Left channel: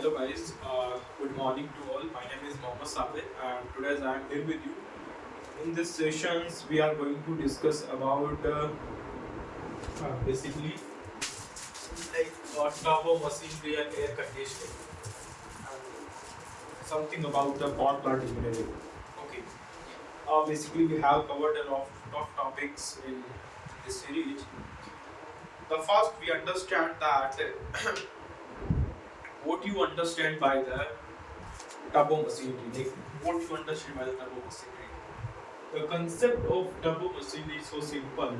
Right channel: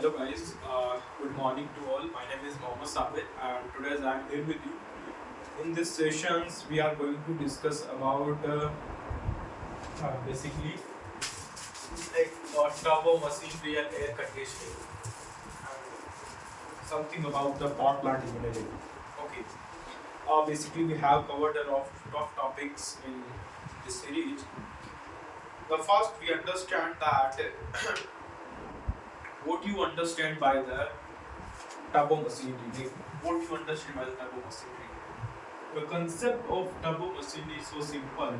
Hello guys, good morning to all. My name is Mohammad Sabir and today I am here with you. In this sessions we are going to discuss about basically like turbo machinery and air conditioning and something about the power plant engineering. Okay, basically we have covered a lot of topics in this series. The first we understand that what you understand by the turbo machinery, like what you understand by the turbo machinery. The concept of turbo machinery is so simple.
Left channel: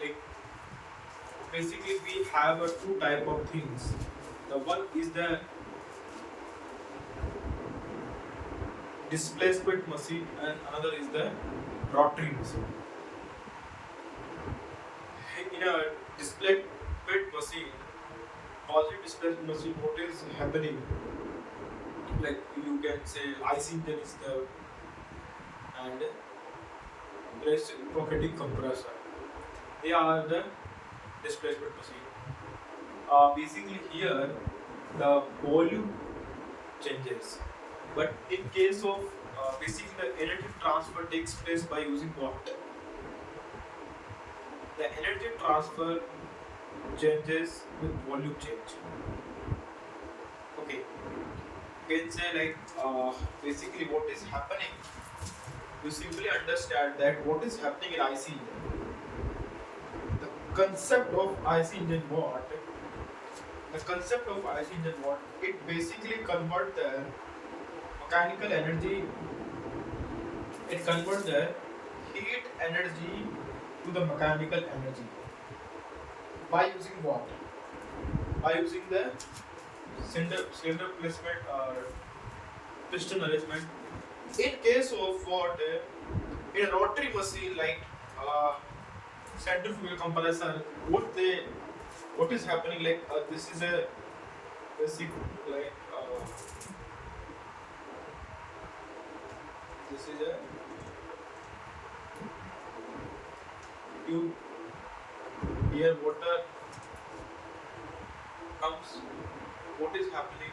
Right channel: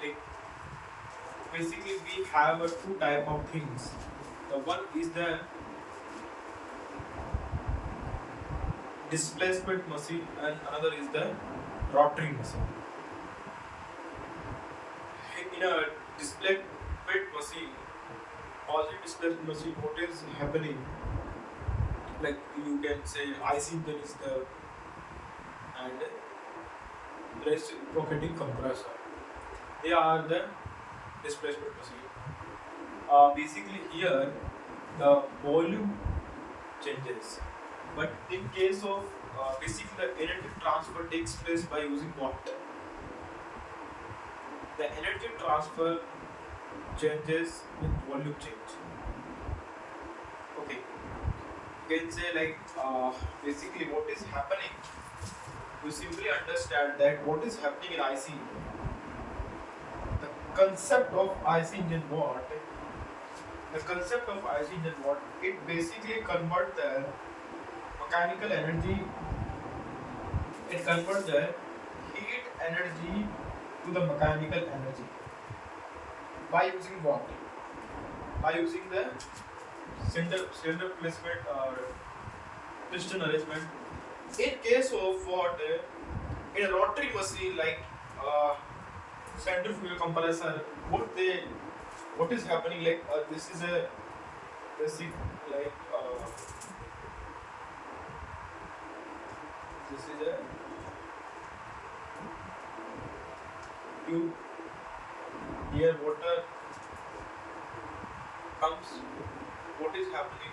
Like basically we have two type of things. The one is the displacement machine and another is the rotary machine. In a displacement machine, positive displacement machine, what is happening? Like you can say IC engine is the and reciprocating compressor. They are the displacement machine. Basically here the volume changes, but in case of basically the energy transfer takes place by using what? The energy transfer changes with volume change. Okay, you can say like basically what is happening. You simply understand that what is happening in IC. The concept of IC engine what? The concept of IC engine what? It basically converts the mechanical energy. It converts the heat energy to the mechanical energy by using what? By using the cylinder placement or piston arrangement. In case of what in a rotary machine like centrifugal compressor, what is happening like this is a basic like this is a tube here water comes. What is happening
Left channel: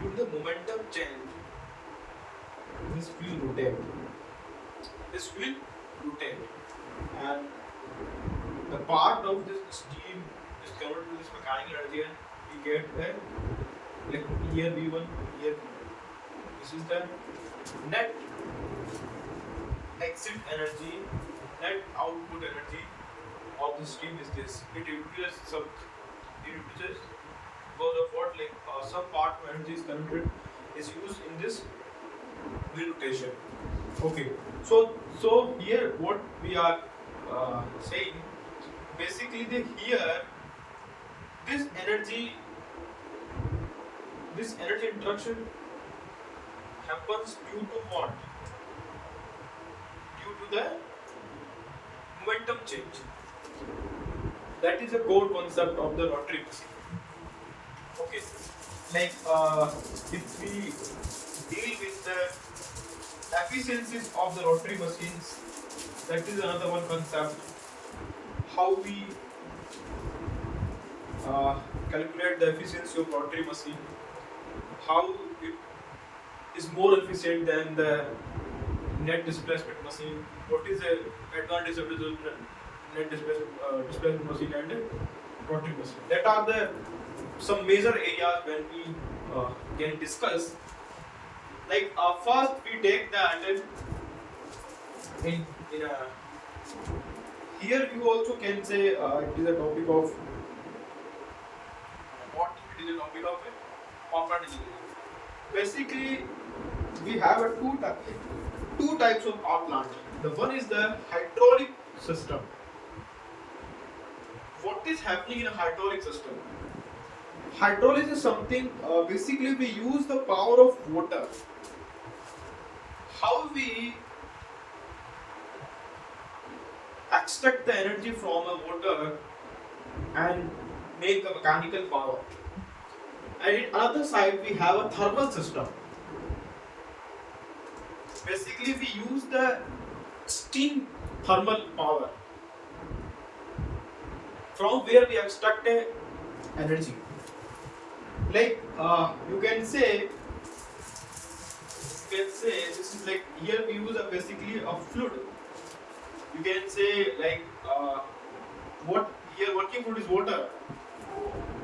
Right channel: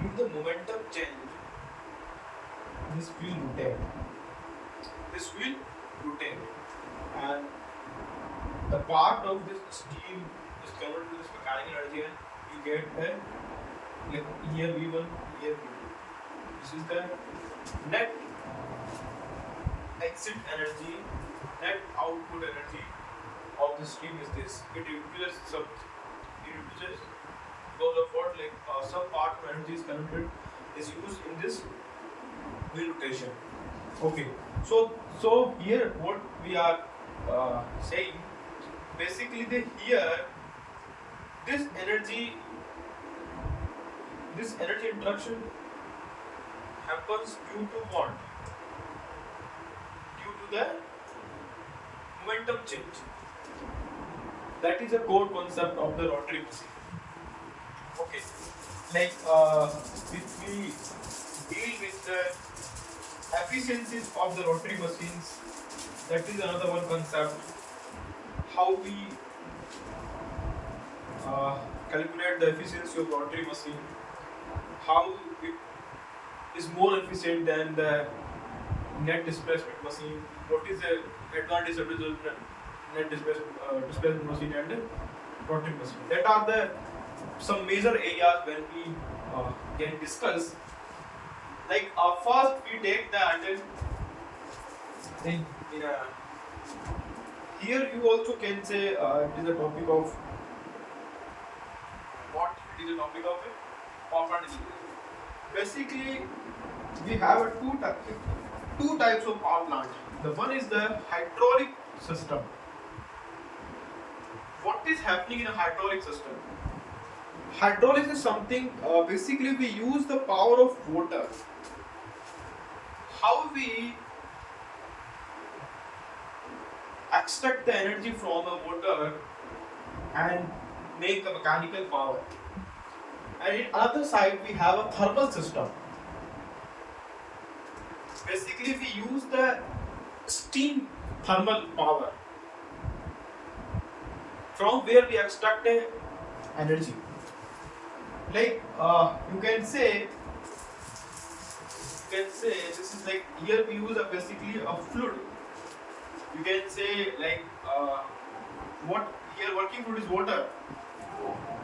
due to the momentum change? This will rotate. This will rotate, and the part of this steam is converted to this mechanical energy, and you get a like here V1, here V2. This is the net exit energy, net output energy of the steam is this. It reduces some. It reduces because of what like some part of energy is converted is used in this wheel rotation. Okay, so here what we are saying basically the here this energy interaction happens due to what? Due to the momentum change. That is a core concept of the rotary machine. Okay, like if we deal with the efficiencies of the rotary machines, that is another one concept. How we calculate the efficiency of rotary machine, how it is more efficient than the net displacement machine, what is the advantage of the net displacement machine and rotary machine. That are the some major areas when we can discuss. Like first we take that in a here you also can say it is a topic of what it is a topic of power plant engineering. Basically, we have two types of power plant. The one is the hydraulic system. What is happening in a hydraulic system? Hydraulics is something basically we use the power of water. How we extract the energy from a water and make a mechanical power. And in other side we have a thermal system. Basically we use the steam thermal power from where we extract energy. like you can say this is like here we use a basically a fluid. You can say like what here working fluid is water.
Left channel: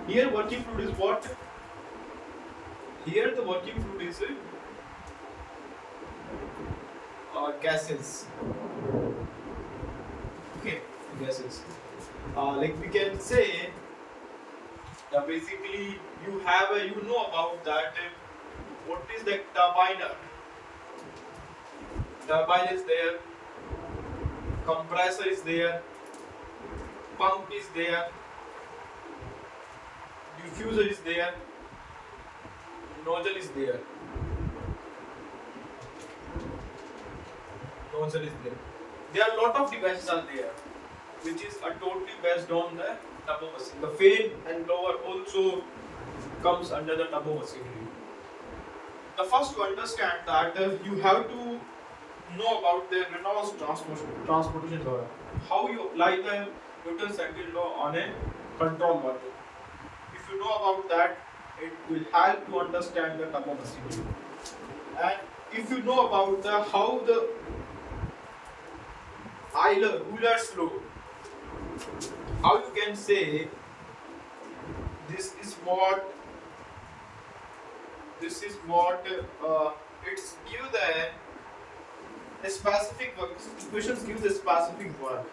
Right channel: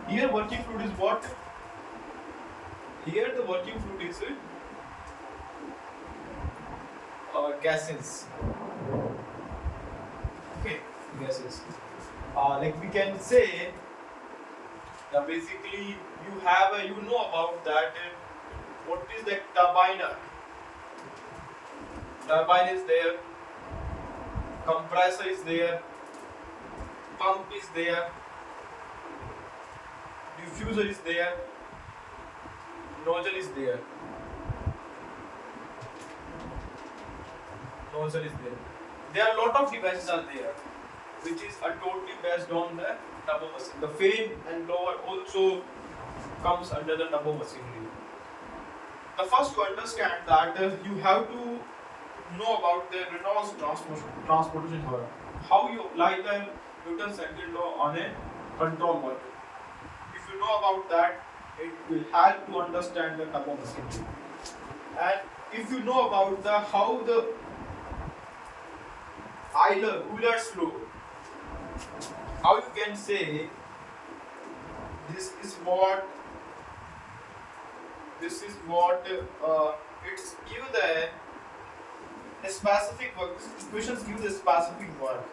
Here working fluid is what? Here the working fluid is gases. Okay, gases. Like we can say now basically you have a, you know about that what is the turbiner? Turbine is there, compressor is there, pump is there, diffuser is there, nozzle is there. Nozzle is there. There are a lot of devices are there, which is totally based on the turbo machine. The fan and blower also comes under the turbo machine. The first to understand that you have to know about the Reynolds transportation theorem. How you apply the Newton's second law on a control valve. If you know about that, it will help you understand the turbo machine. And if you know about the how the Euler's law, how you can say this is what it's give the specific work. This equations give the specific work.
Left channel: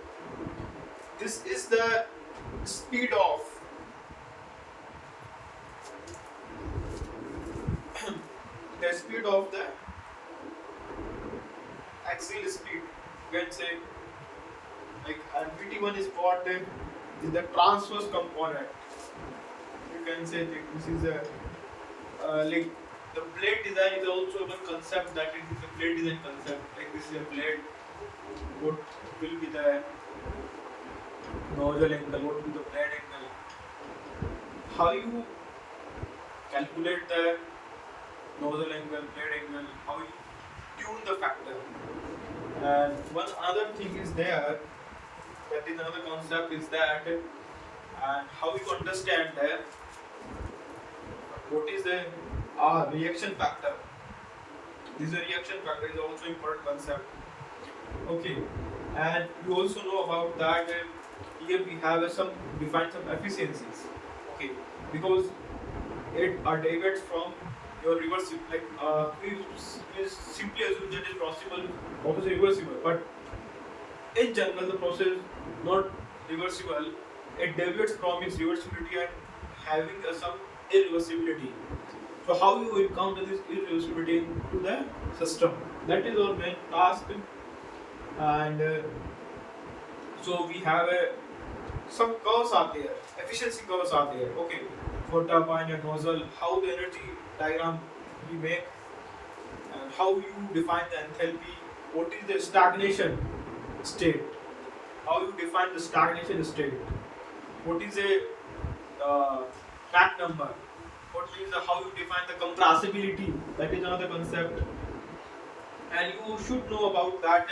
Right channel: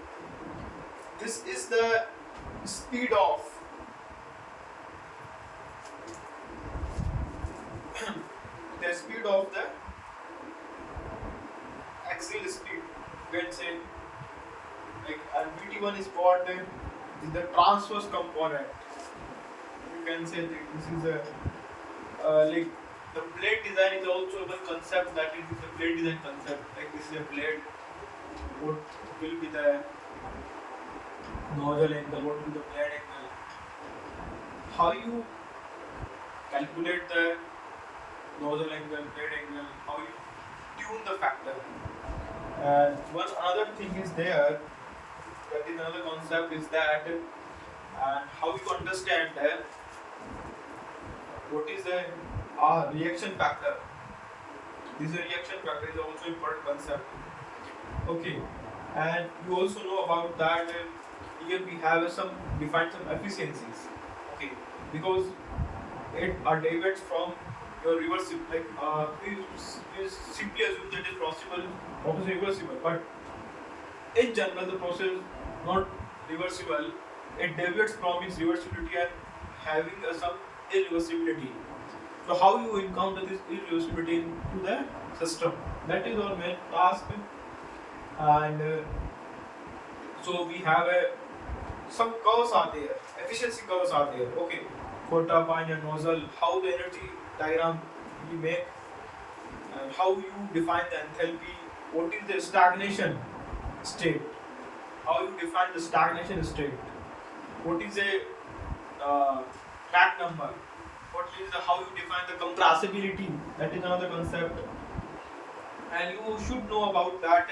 This is the speed of the speed of the axial speed. You can say like and VT1 is what is the transverse component. You can say that this is a like the blade design is also one concept that is the blade design concept. Like this is a blade. What will be the nozzle angle? What will be the blade angle? How you calculate the nozzle angle, blade angle? How you tune the factor? And one other thing is there. That is another concept is that and how you understand that what is the reaction factor. This reaction factor is also important concept. Okay, and you also know about that here we have some define some efficiencies. Okay, because it derivates from your reversible. Like we simply assume that is possible, process reversible, but in general the process is not reversible. It deviates from its reversibility and having some irreversibility. So how you encounter this irreversibility into the system? That is our main task. And so we have some curves are there, efficiency curves are there. Okay, for turbine and nozzle, how the energy diagram we make, and how you define the enthalpy. What is the stagnation state? How you define the stagnation state? What is a Mach number? What is how you define the compressibility? That is another concept. And you should know about that.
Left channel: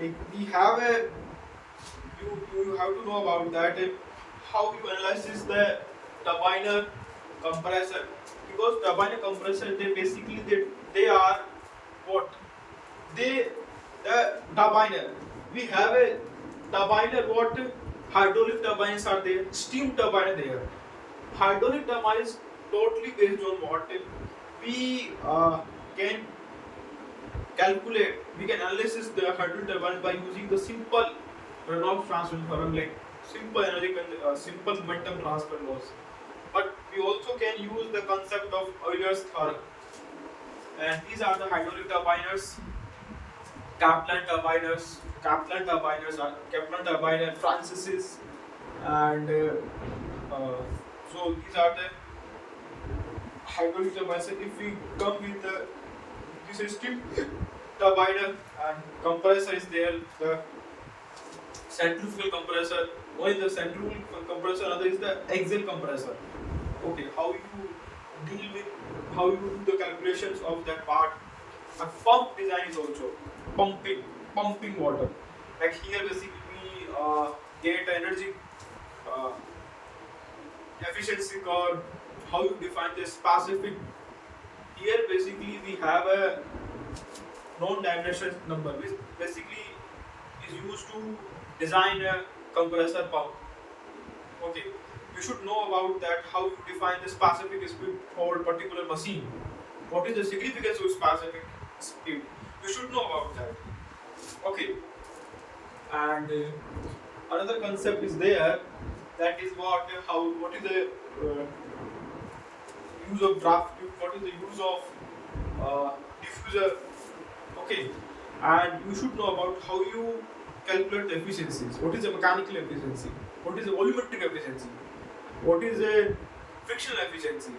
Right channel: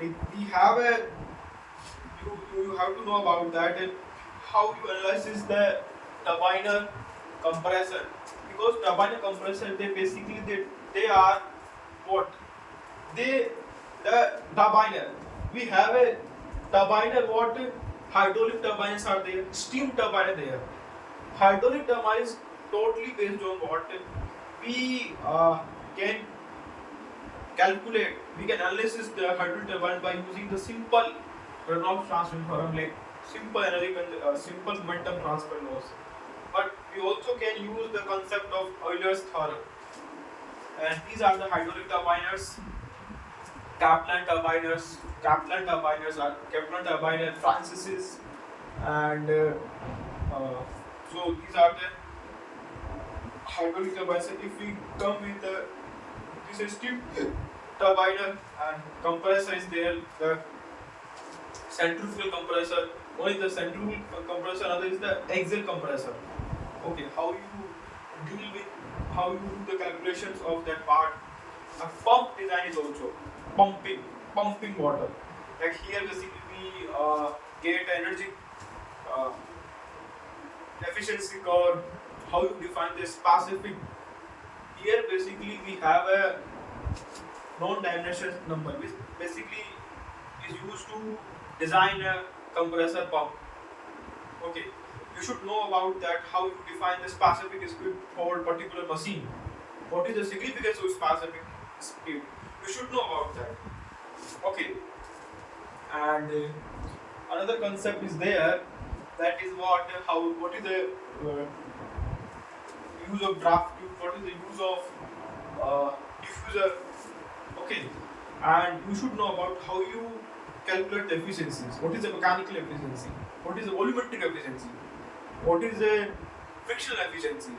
Like we have a you have to know about that. How you analyze the turbiner compressor, because turbiner compressor they basically they are what they the turbiner. We have a turbiner what hydraulic turbines are there, steam turbine there. Hydraulic turbine is totally based on what we can calculate. We can analyze the hydraulic turbine by using the simple Reynolds transfer theorem, like simple energy, simple momentum transfer laws. But we also can use the concept of Euler's theorem. And these are the hydraulic turbiners. Kaplan turbiner, Francis's, and so these are the hydraulic turbines. If we come with the this is steam turbiner and compressor is there, the centrifugal compressor. One is the centrifugal compressor, another is the axial compressor. Okay, how you deal with how you do the calculations of that part. A pump design is also pumping water. Like here basically we get energy efficiency curve, how you define the specific. Here basically we have a non-dimensional number, which basically is used to design a compressor pump. Okay, you should know about that, how you define the specific speed for particular machine. What is the significance of specific speed? You should know about that. Okay, and another concept is there, that is what is the use of draft tube, what is the use of diffuser. Okay, and you should know about how you calculate the efficiencies. What is the mechanical efficiency? What is the volumetric efficiency? What is the frictional efficiency?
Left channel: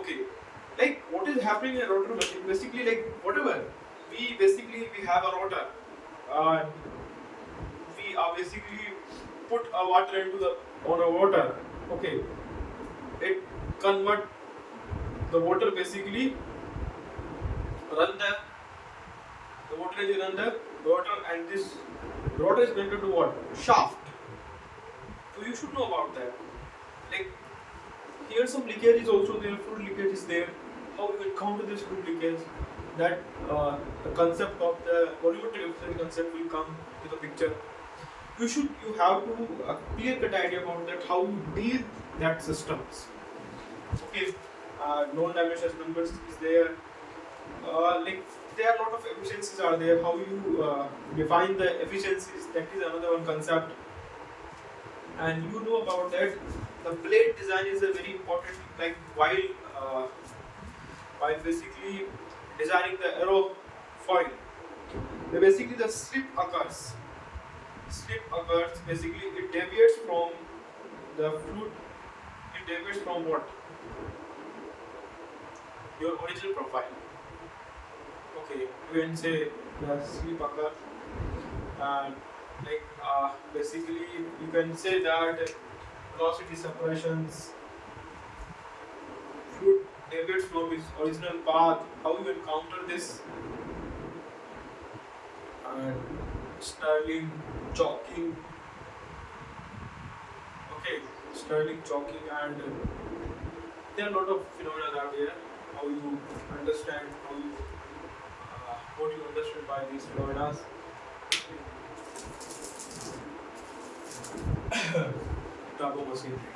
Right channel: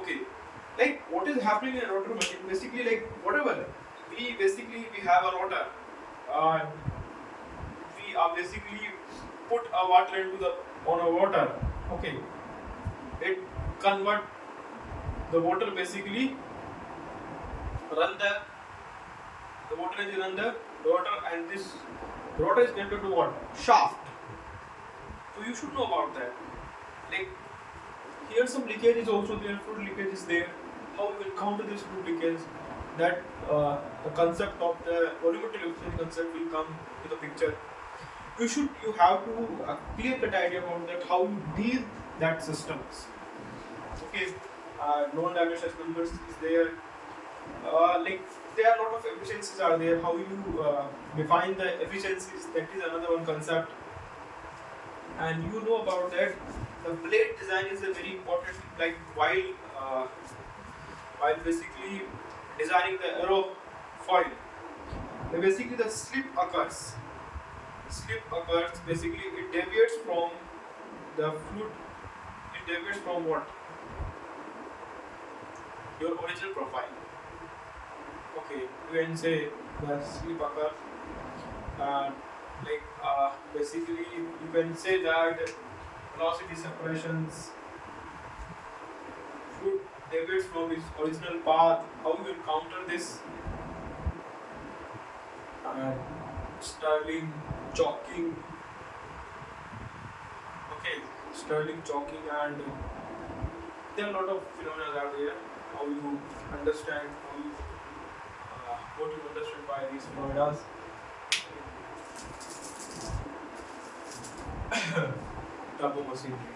Okay, like what is happening in a rotor machine? Basically, like whatever we have a rotor, and we are basically put a water into the on a water. Okay, it convert the water basically run the water engine run the rotor, and this rotor is connected to what? Shaft. So you should know about that. Like here some leakage is also there, fluid leakage is there. How you encounter this fluid leakage? That the concept of the volumetric efficiency concept will come to the picture. You have to clear cut idea about that, how you deal that systems. Okay, non-dimensional numbers is there. Like there are a lot of efficiencies are there. How you define the efficiencies, that is another one concept. And you know about that. The blade design is a very important thing. Like while basically designing the aerofoil, basically the slip occurs. Slip occurs. Basically, it deviates from the fluid. It deviates from what? Your original profile. Okay, you can say the slip occurs, and basically you can say that velocity separations, fluid deviates from its original path. How you encounter this? And Stirling choking. Okay, Stirling choking, and there are a lot of phenomena out there. How you understand, what you understand by these phenomena. Turbo machinery.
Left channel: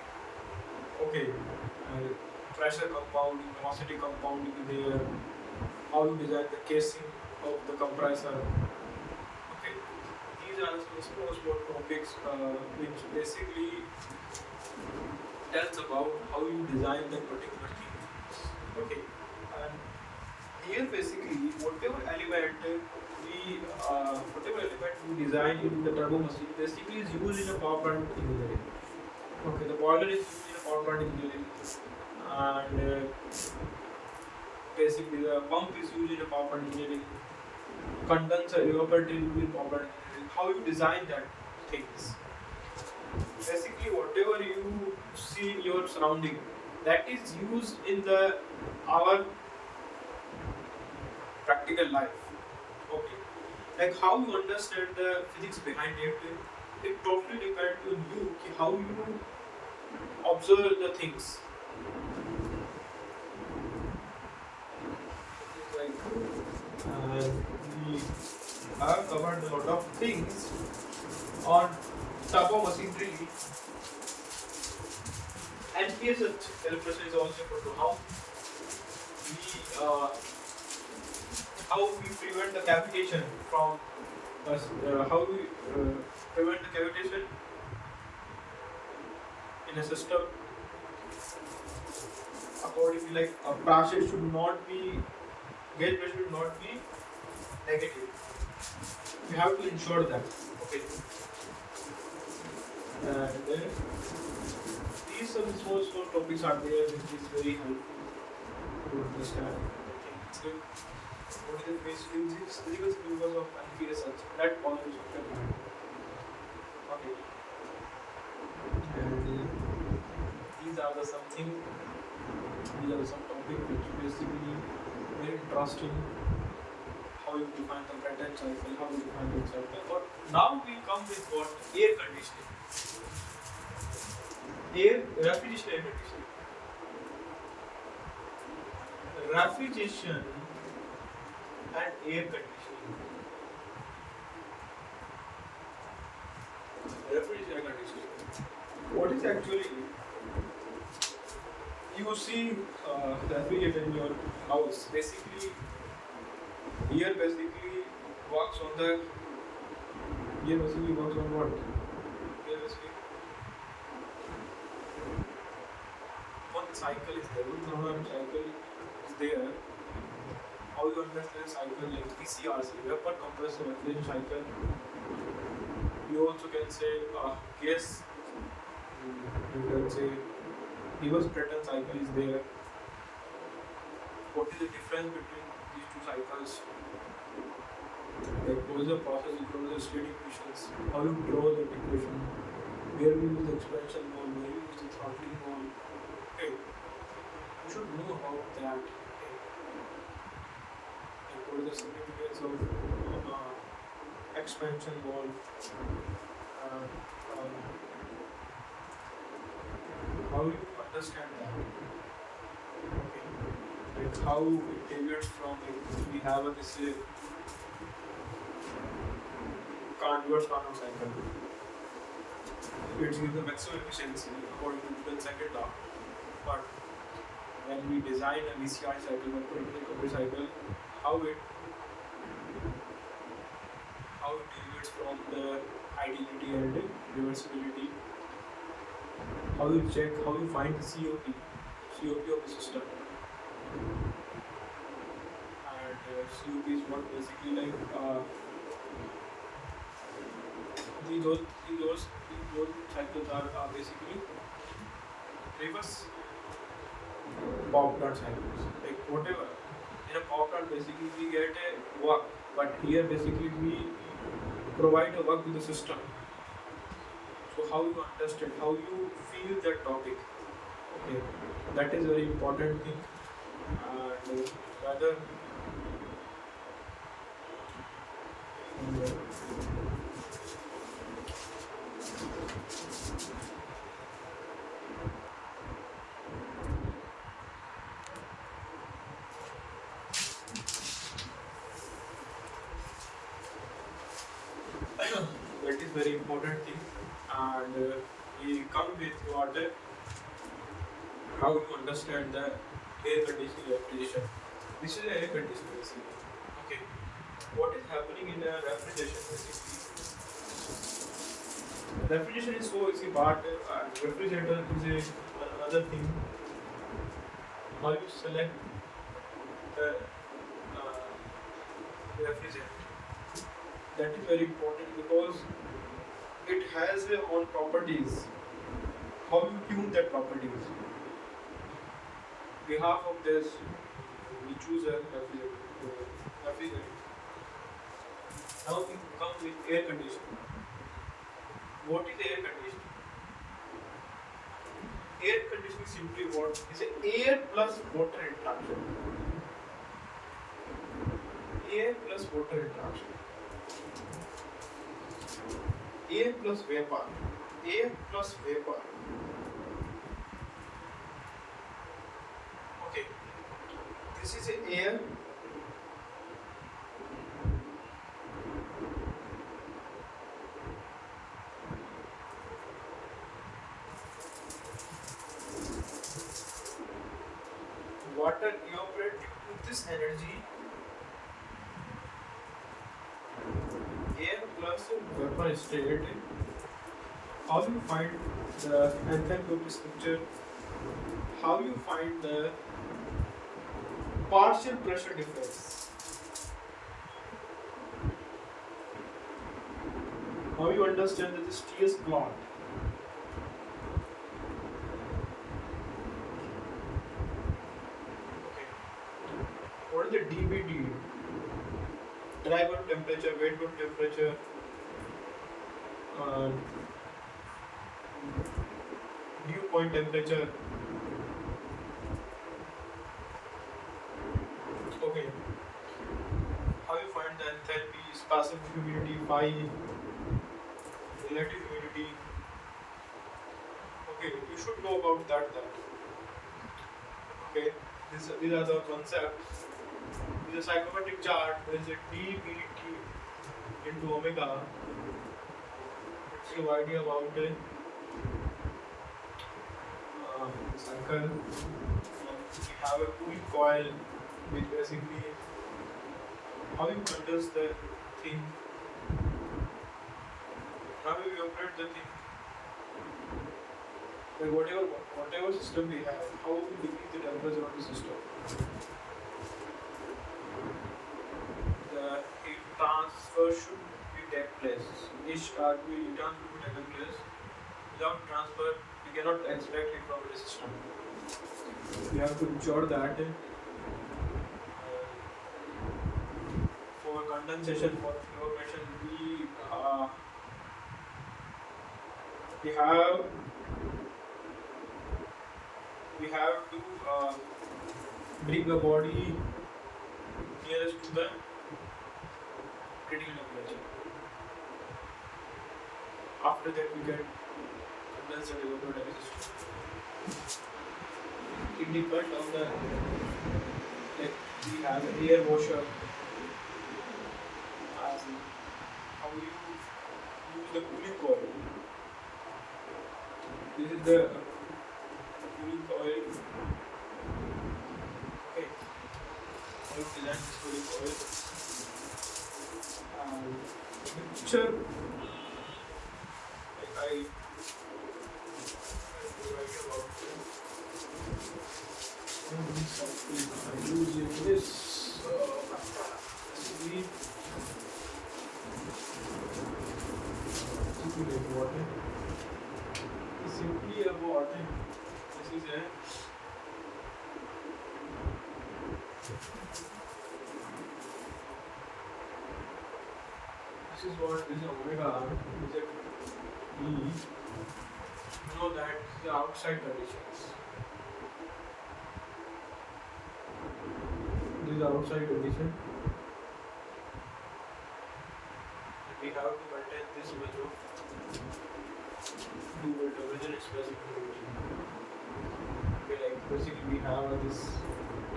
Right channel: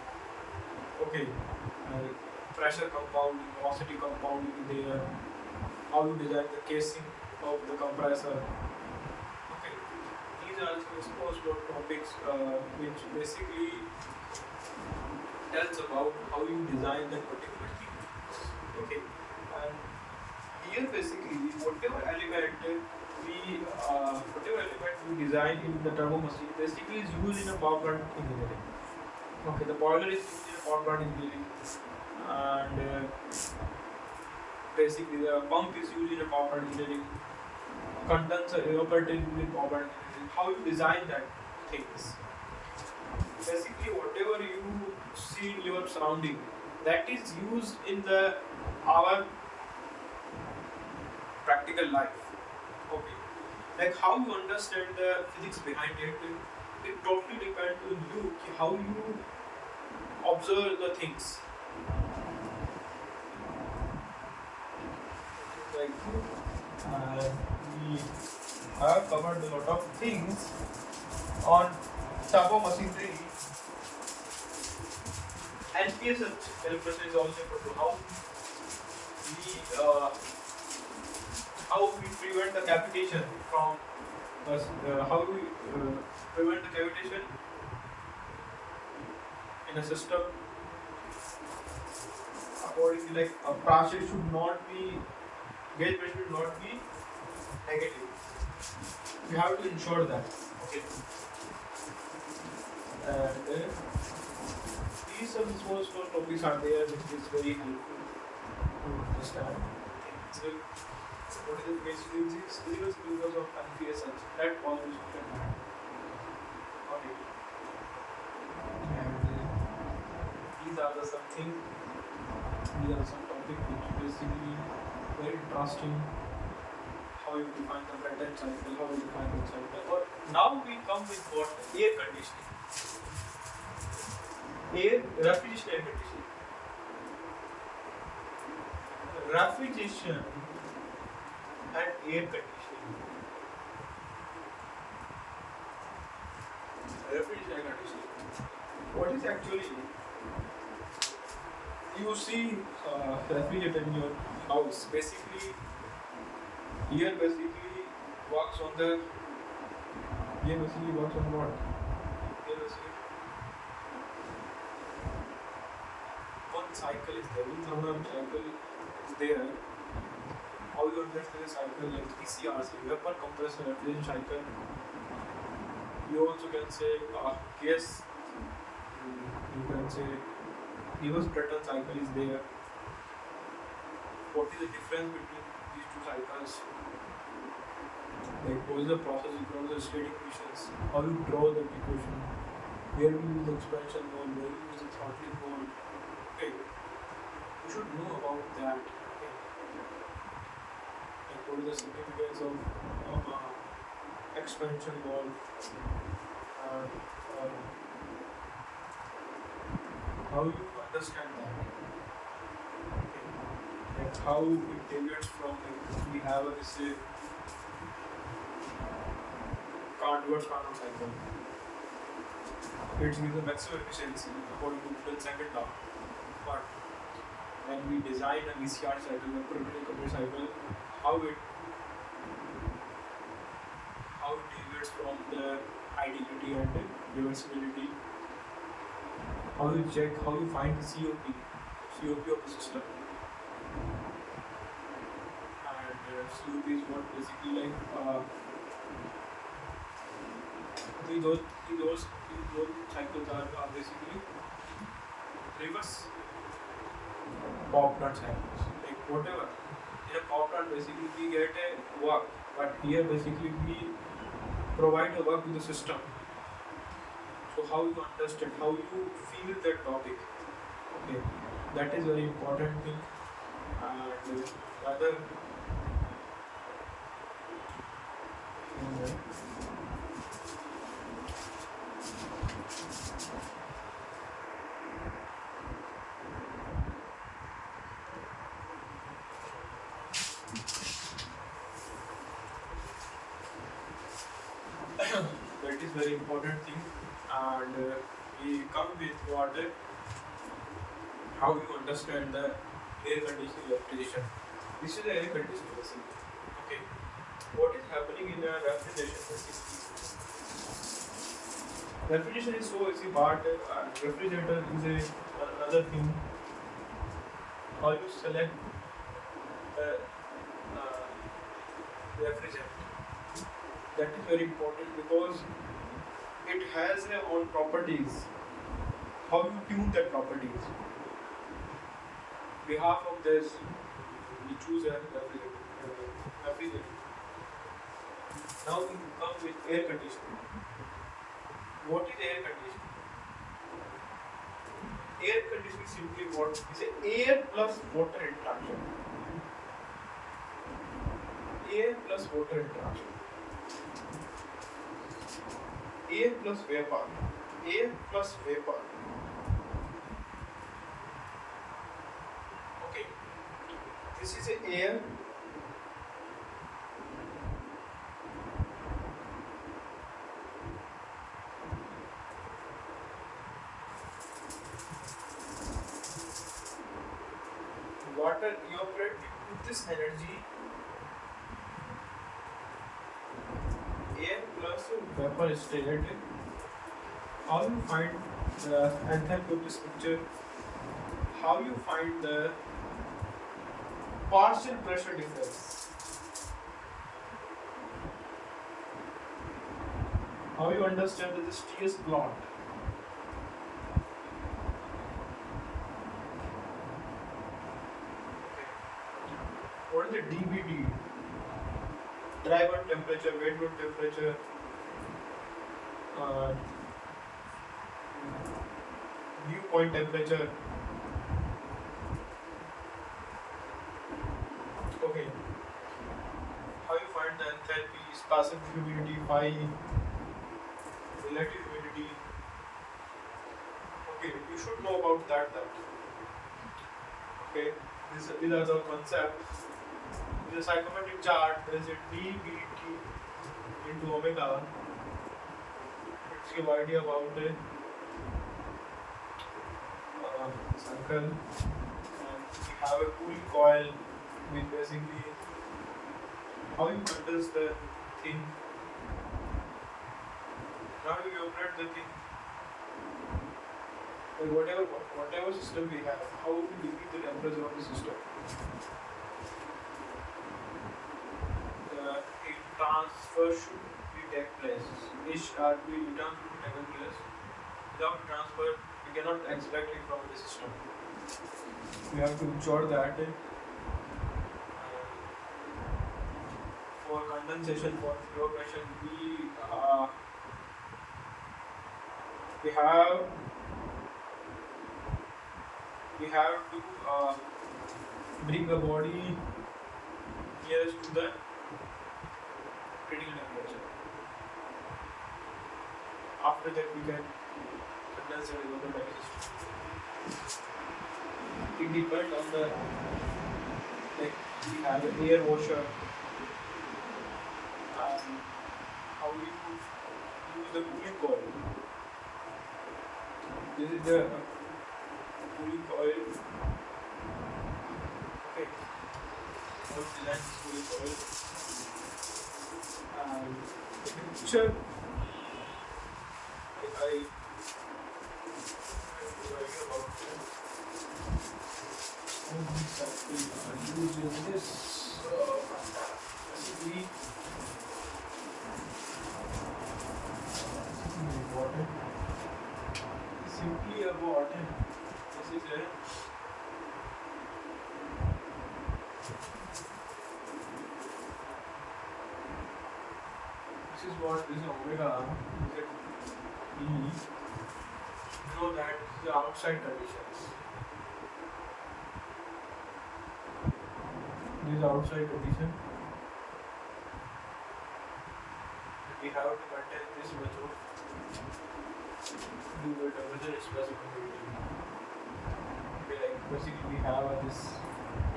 Okay, pressure compounding, velocity compounding is there. How you design the casing of the compressor. Okay, these are some small topics which basically tells about how you design that particular thing. Okay, and here basically whatever element we design in the turbo machine basically is used in a power plant engineering. Okay, the boiler is used in a power plant engineering, and basically the pump is used in a power plant engineering. Condenser, evaporator is used in power plant engineering. How you design that things? Basically, whatever you see in your surrounding, that is used in our practical life. Okay, like how you understand the physics behind it, it totally depends on you how you observe the things. Like we have covered a lot of things on turbo machinery, and PSH calibration is also important to how we prevent the cavitation from how we prevent the cavitation in a system. Accordingly, like a pressure should not be, gauge pressure should not be negative. You have to ensure that. Okay. And these some small topics are there which is very helpful to understand. What is the physics of PSH? That always recommend. Okay. And these are the something. These are some topics which basically very interesting. How you define the Brayton cycle, how you define the cycle. But now we come with what? Air conditioning. Refrigeration air conditioning. refrigeration and air conditioning. Refrigeration and conditioning. What is actually you see refrigerator in your house? Basically, here basically works on the here basically works on what? Here basically one cycle is there, one thermodynamic cycle is there. How you understand the cycle like PCRC, vapor compressor refrigeration cycle. You also can say gas. You can say reverse Breton cycle is there. What is the difference between these two cycles? Like what is the process equal to the state equations? How you draw that equation? Where we use the expansion ball, where we use the throttling ball. Okay, you should know about that. Okay. Like what is the significance of expansion ball? And how you understand that? Okay. Like how it deviates from like we have a this Carnot cycle. It gives the maximum efficiency according to Newton's second law. But when we design a VCR cycle, a compressor cycle, how it deviates from the ideality and reversibility. How you check, how you find the COP of the system. And COP is what basically like those cycles are basically reverse power plant cycles. Like whatever in a power plant, basically we get a work, but here basically we provide a work to the system. So how you understand, how you feel that topic, okay, that is very important thing. And rather that is very important thing. And we come with what how you understand the air conditioning refrigeration. This is the air conditioning basically. Okay, what is happening in a refrigeration basically? Refrigeration is so easy, but refrigerator is another thing. How you select the refrigerant? That is very important because it has their own properties. How you tune that properties? Behalf of this, we choose a refrigerant. Now we come with air conditioning. What is air conditioning? Air conditioning simply what is air plus water interaction. Air plus water interaction. Air plus vapor. Air plus vapor. Okay. This is air. Water evaporates due to this energy. Air plus vapor state. How you find the enthalpy of this picture? How you find the partial pressure difference? How you understand this TS plot? What is the DBD? Dry bulb temperature, wet bulb temperature, dew point temperature. Okay. How you find the enthalpy, specific humidity, phi, relative humidity. Okay, you should know about that. Okay. These are the concepts. With a psychometric chart, there is a dBdt into omega. It's give idea about a cycle. And we have a cooling coil, which basically how you condense the thing, how you operate the thing, like whatever system we have, how we decrease the temperature of the system. The heat transfer should be take place. Each we return to take place. Without transfer, we cannot extract it from the system. We have to ensure that for condensation, for evaporation, we have we have to bring a body nearest to the critical temperature. After that, we can condense and evaporate the system. It depends on the if we have an air washer. How we use the cooling coil. This is the cooling coil. Okay. Let's design this cooling coil. The picture I using this basically simply about this is a this is what this omega is at B. Know that the outside conditions. This is outside condition. And we have to maintain this much of do temperature express probability. Okay, like basically we have this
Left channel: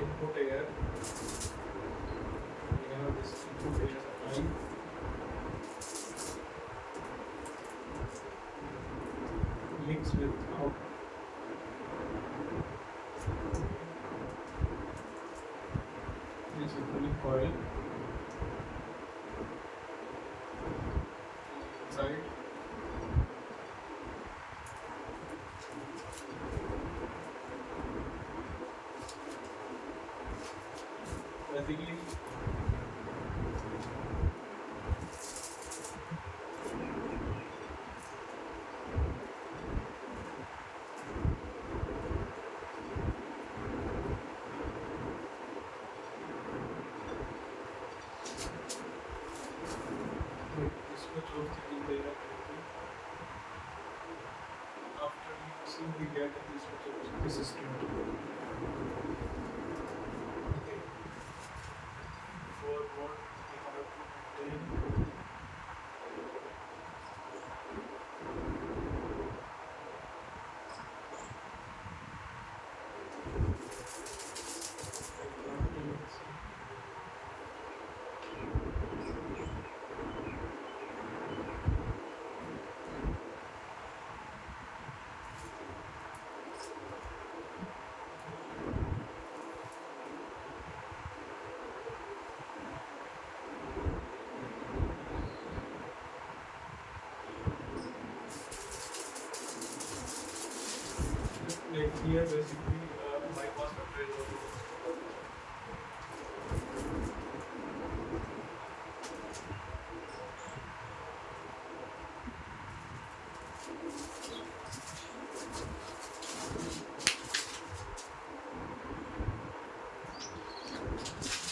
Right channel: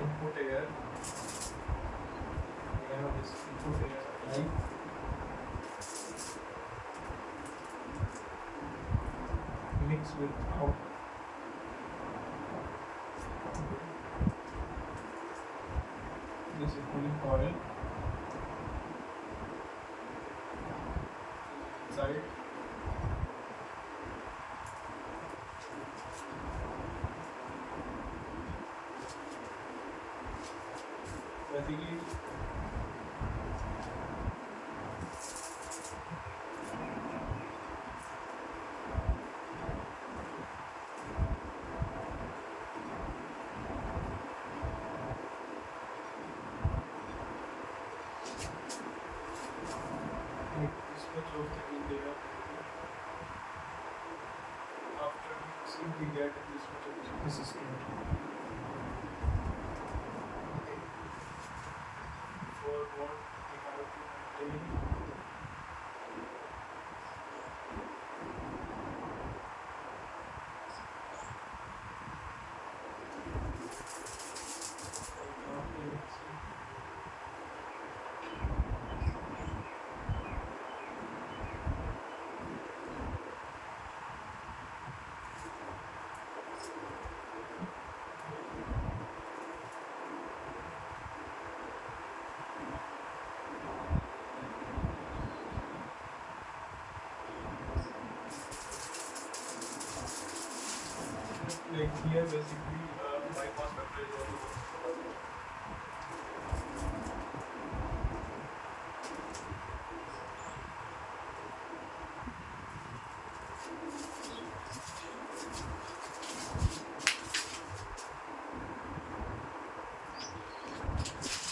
input air. We have this input air supply. Mix with out. This is cooling coil. Inside. Basically, this much of thing is after mixing we get this much of the system. Okay. For what we have to maintain. Like here basically my cost of trade is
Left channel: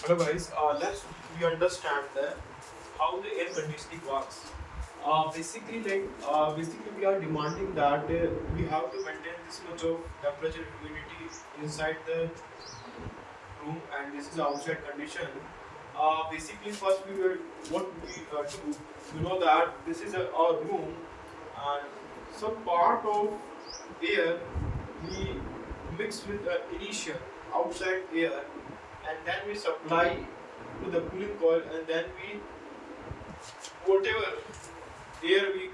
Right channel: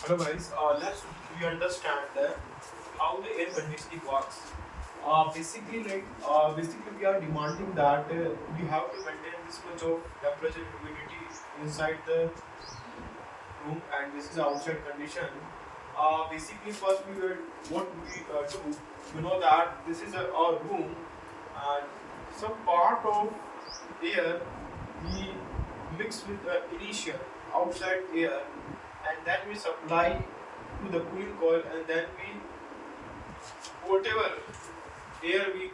hello guys, let's we understand that how the air conditioning works. Basically we are demanding that we have to maintain this much of temperature and humidity inside the room, and this is the outside condition. Basically, first we will what we do. You know that this is our room, and some part of air we mix with initial. outside air, and then we supply to the cooling coil, and then we whatever air we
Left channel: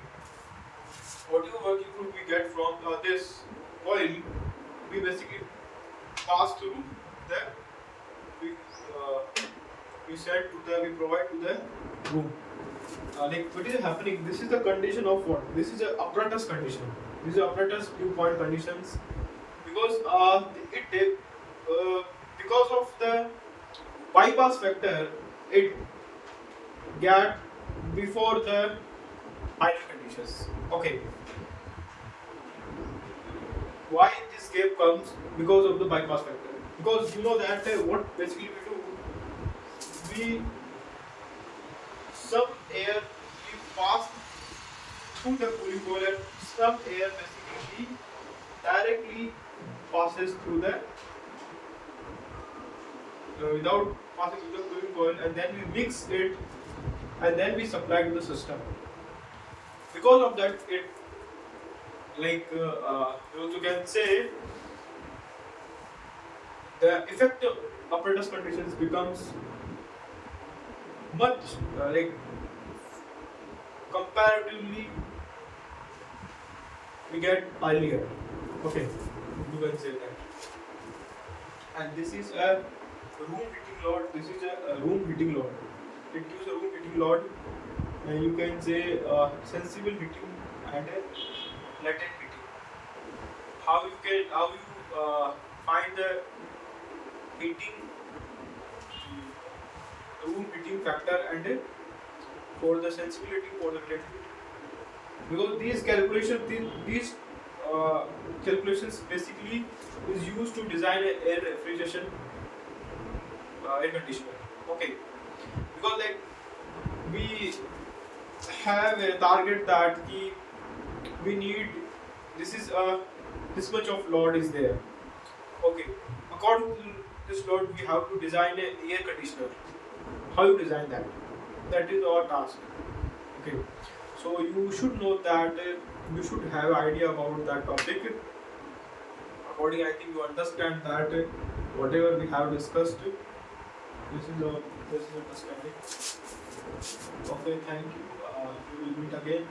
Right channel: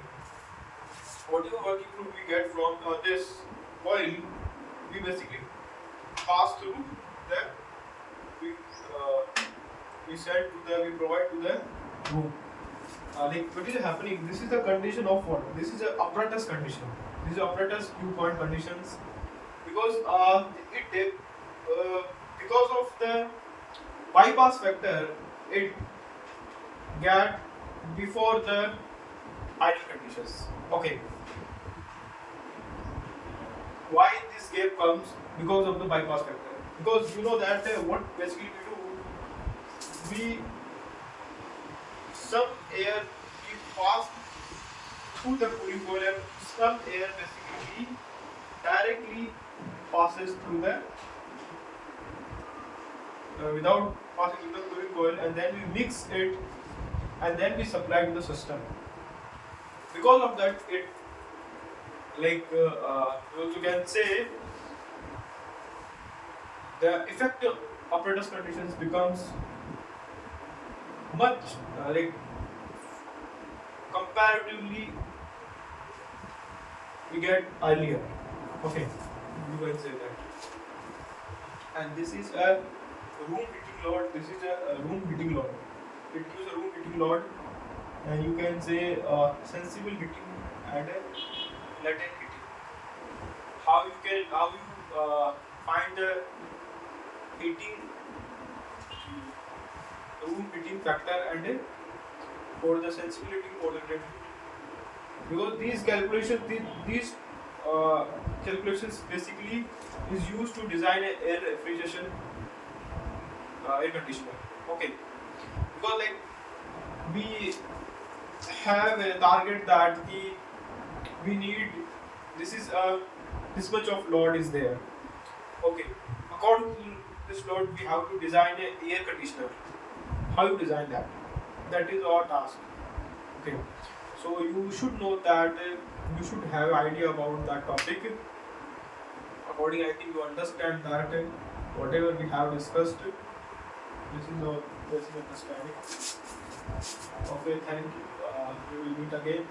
whatever working fluid we get from this coil, we basically pass through the we send to the we provide to the room. Like what is happening? This is the condition of what? This is a apparatus condition. This is apparatus dew point conditions because because of the bypass factor, it get before the ideal conditions. Okay, why this gap comes? Because of the bypass factor. Because you know that what basically we do, we some air we pass through the cooling coil, and some air basically directly passes through the without passing through the cooling coil, and then we mix it, and then we supply to the system. Because of that, it like you can say the effective apparatus conditions becomes much like comparatively we get earlier. Okay, you can say that. And this is a room heating load. This is a room heating load. It gives a room heating load, and you can say sensible heating and a latent heating. How you find the heating room heating factor and for the sensibility for the latent heating? Because these calculations basically is used to design an air refrigeration air conditioner. Okay, because like we have a target that we need this much of load is there. Okay, according to this load we have to design an air conditioner. How you design that? That is our task. Okay, so you should know that you should have idea about that topic. According, I think you understand that whatever we have discussed, this is the basic understanding. Okay, thank you. We will meet again.